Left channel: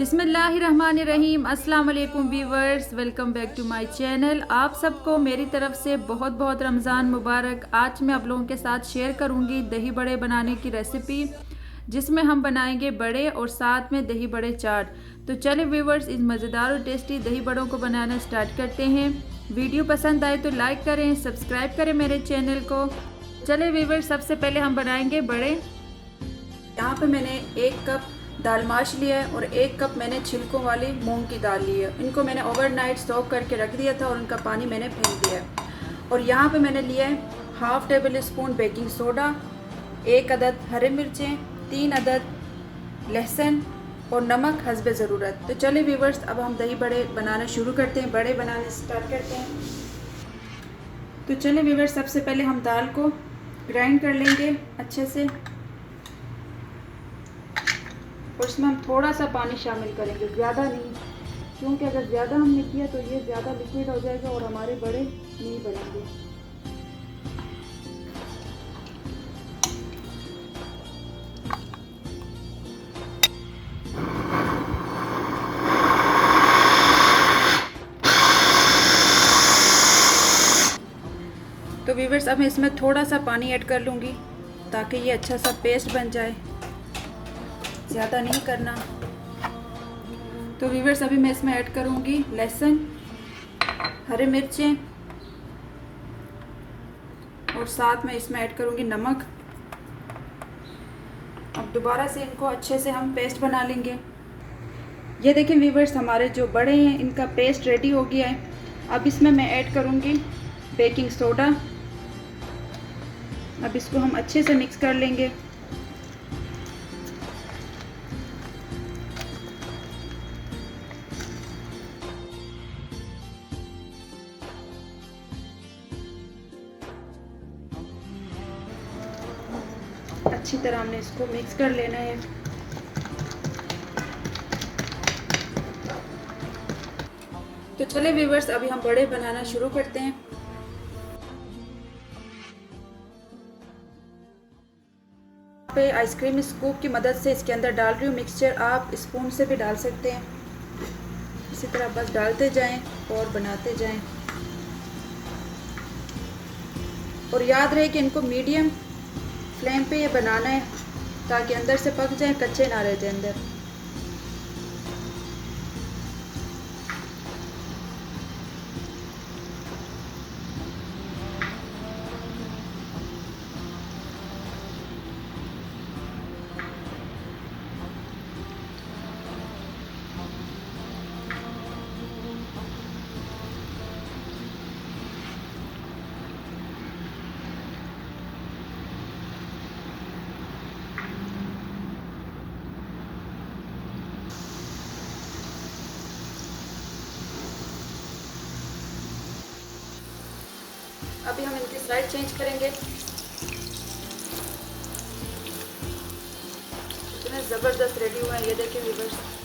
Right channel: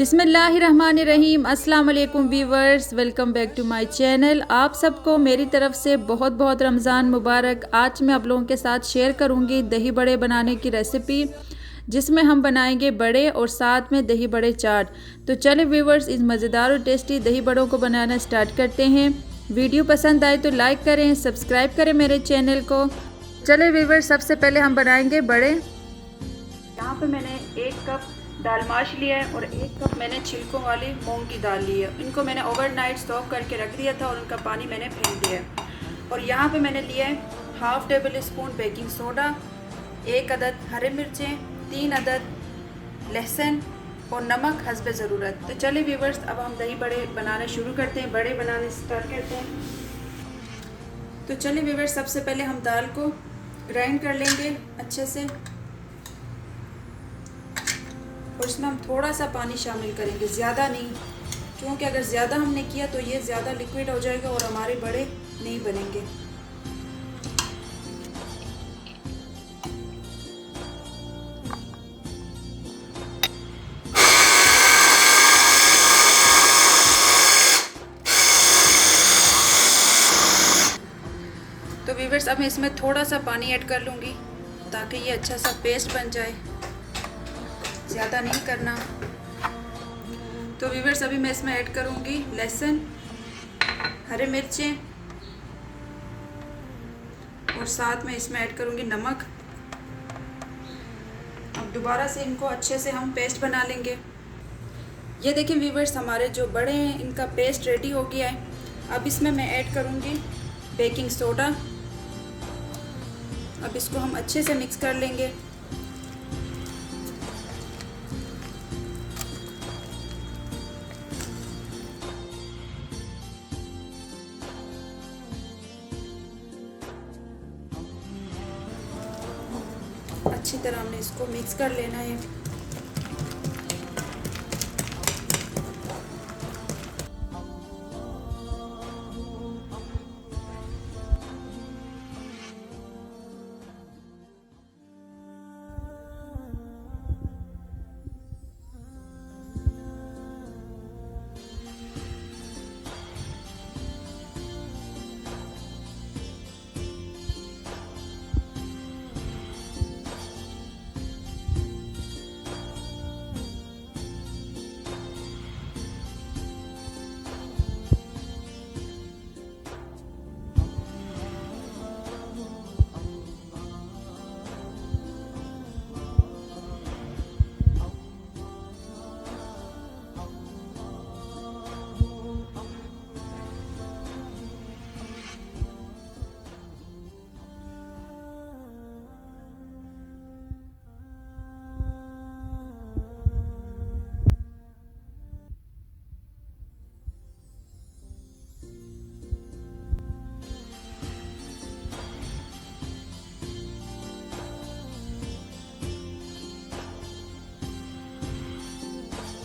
बिस्मिल्लाहिर्रहमानिर्रहीम। अस्सलाम वालेकुम viewers, welcome back to my channel. आप सबको मेरी तरफ से बहुत बहुत रमज़ान मुबारक। आज मैं आप लोगों के साथ शेयर करूंगी दही बड़े बनाने की रेसिपी, जिसमें हम बनाएंगे बड़े और साथ में दही बड़े चाट। तो चले व्यूवर्स, इस मज़ेदार और टेस्टी दही बड़ों को बनाना स्टार्ट करते हैं। वीडियो पसंद आए तो लाइक करें, सब्सक्राइब करें मेरे चैनल को। चले व्यूवर्स, सबसे पहले हम बनाएंगे बड़े। यहाँ पे मैंने 1 कप दाल माश लिया है और 1 कप मैंने छिलकों वाली मूंग की दाल ली है। इनको मैंने ओवरनाइट सोक करके रख दिया था और इनका पानी मैंने फेंक दिया है। और यहाँ पे मैंने लिया है ½ टेबल स्पून बेकिंग सोडा, 1 अदद हरे मिर्चें, 3 अदद लहसुन और नमक हस्बे ज़रूरत। तो चलिए व्यूवर्स, अब हम दही बड़े बनाना शुरू करते हैं, बड़े बनाने स्टार्ट करते हैं। तो चलिए व्यूवर्स, सबसे पहले हम दाल को ग्राइंड कर लेंगे अच्छे से और इसमें हम थोड़ा सा पानी शामिल करेंगे, ज़्यादा नहीं, क्योंकि अगर ज़्यादा हमने किया तो ये ज़्यादा लिक्विड हो जाएगा और हमारे बड़े नहीं बनेंगे। तो व्यूअर्स, अब मैं इसमें थोड़ा सा पानी ऐड कर लूँगी ताकि ये अच्छा सा पेस्ट बन जाए, ज़्यादा नहीं करना। तो व्यूअर्स, अभी मैं इसमें ऐड करूँगी लहसुन, हरे मिर्चें और साथ में इसमें ऐड करूँगी नमक। अब दोबारा से इनको अच्छे से हम पेस्ट बना लेंगे। ये देखें व्यूअर्स, हमारे जो बड़े हैं इनका पेस्ट रेडी हो गया है। अब इसमें मैं ऐड करूँगी बेकिंग सोडा। अब इसको हम अच्छे से मिक्स कर लेंगे। अच्छी तरह हमने इसको मिक्स कर लेना है। तो चलिए व्यूअर्स, अभी हम बड़े बनाना शुरू करते हैं। पे आइसक्रीम स्कूप की मदद से इसके अंदर डाल रही हूँ मिक्सचर। आप स्पून से भी डाल सकते हैं। इसी तरह बस डालते जाएं और बनाते जाएं। और याद रहे कि इनको मीडियम फ्लेम पे ये बनाना है ताकि अंदर से पक जाए, कच्चे ना रह जाए अंदर। अभी हम इनकी साइड चेंज करेंगे। इतने ज़बरदस्त रेडी हुआ है, ये देखिए व्यूअर्स।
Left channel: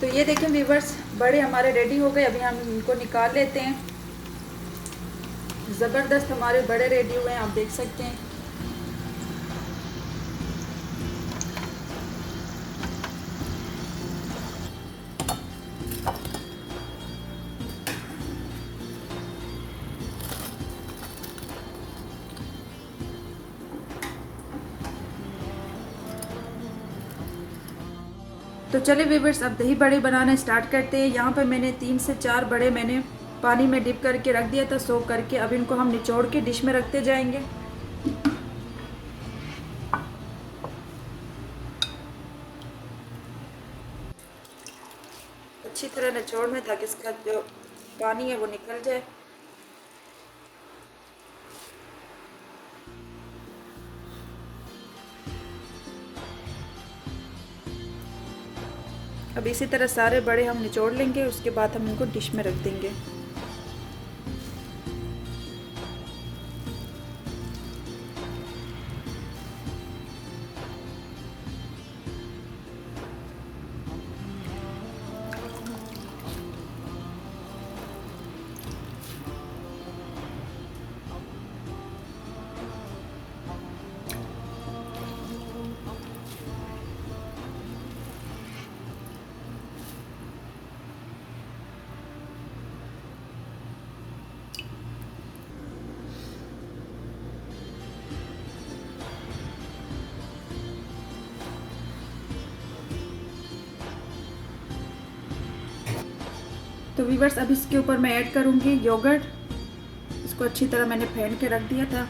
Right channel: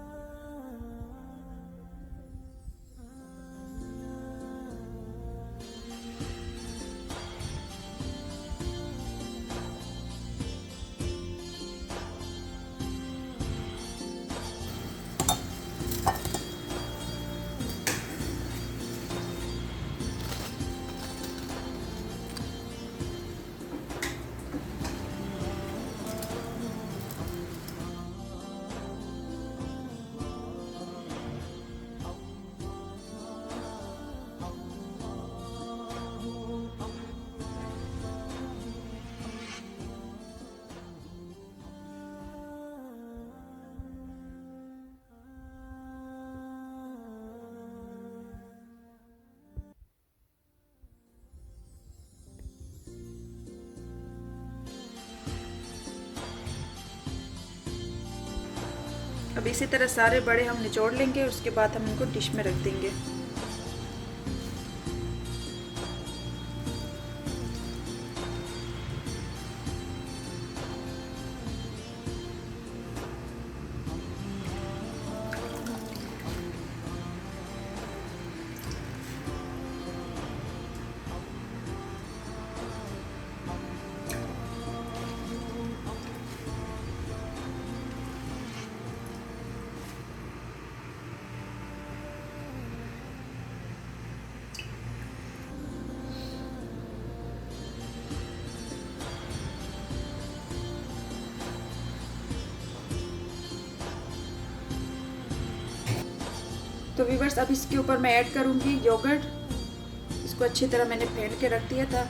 तो ये देखें व्यूअर्स, बड़े हमारे रेडी हो गए। अभी हम इनको निकाल लेते हैं। ज़बरदस्त हमारे बड़े रेडी हुए हैं, आप देख सकते हैं। तो चलिए व्यूअर्स, अब दही बड़े बनाना स्टार्ट करते हैं। यहाँ पर मैंने 3 से 4 बड़े मैंने पानी में डिप करके रख दिया था, सोक करके। अब इनको हम निचोड़ के डिश में रखते जाएंगे। अच्छी तरह निचोड़ में, ताकि इसका जो पानी है वो निकल जाए। अब इसी तरह सारे बड़े हम निचोड़ लेंगे, उसके बाद हम इनको डिश में रख देंगे। तो व्यूअर्स अब इसके ऊपर मैं ऐड करूँगी योगर्ट। इसको अच्छी तरह मैंने फेंट के रख दिया था।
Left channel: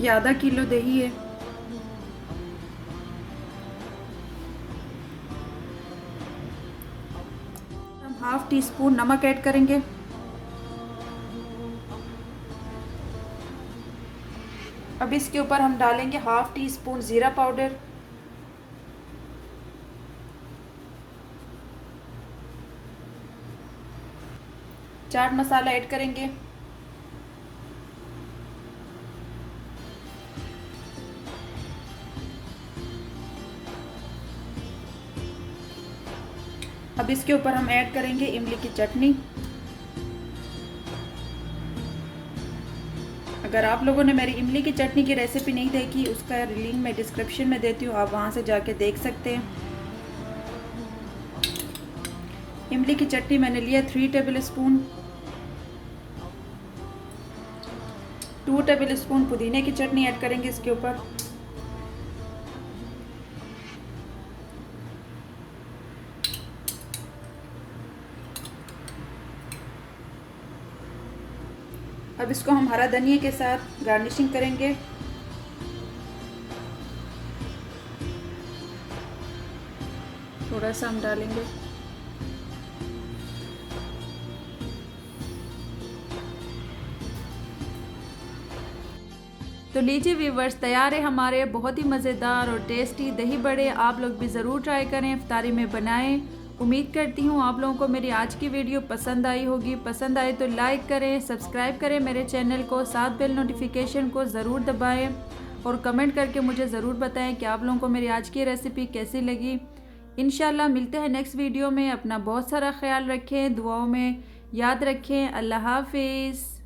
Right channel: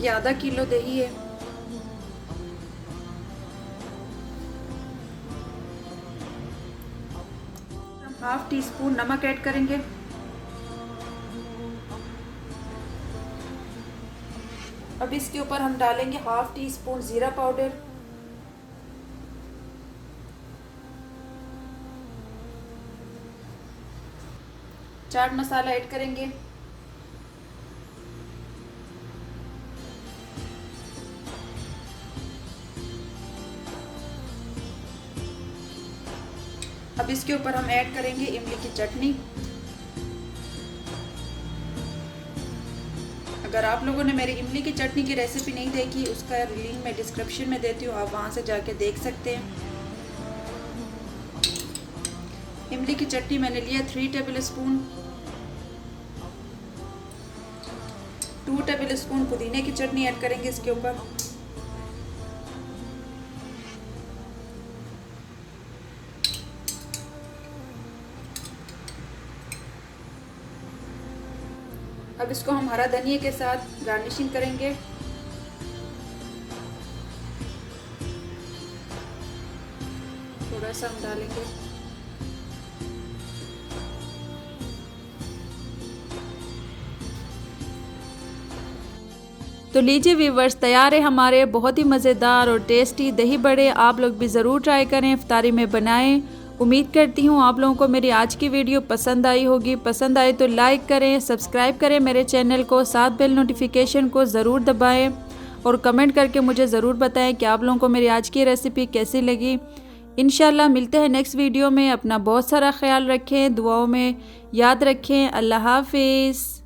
ये आधा किलो दही है। हम हाफ टी स्पून नमक ऐड करेंगे। अब इसके ऊपर हम डालेंगे हाफ टी स्पून ज़ीरा पाउडर, चाट मसाला ऐड करेंगे, अब इसके ऊपर हम ऐड करेंगे इमली की चटनी। अगर आप लोगों ने मेरी इमली की चटनी की रेसिपी नहीं देखी, उसका लिंक मैं डिस्क्रिप्शन में देती हूँ, आप वहाँ से जाके देख सकते हैं। इमली की चटनी मैंने लिया 3 टेबल स्पून। 2 टेबल स्पून पुदीने की चटनी ऐड करेंगे इसके ऊपर। अब इसको हम हरा धनिया के साथ गार्निशिंग करेंगे। थोड़ा सा हम डालेंगे। तो लीजिए व्यूवर्स, तैयार है हमारे बहुत ही मज़ेदार और टेस्टी दही बड़े। आप लोग भी ज़रूर ट्राई करें, इफ्तारी में बनाएं। उम्मीद करती हूँ आप लोगों को मेरी आज की वीडियो पसंद आई होगी। पसंद आए तो लाइक करें, सब्सक्राइब करें मेरे चैनल को, साथ बेल नोटिफिकेशन को ज़रूर दबाएं और कमेंट करके मुझे ज़रूर बताएं कि आप लोगों को मेरी आज की रेसिपी कैसी लगी। इंशाल्लाह मिलते हैं नेक्स्ट वीडियो में। अपना बहुत सारा ख्याल रखें, दुआओं में याद रखें। अल्लाह हाफिज़।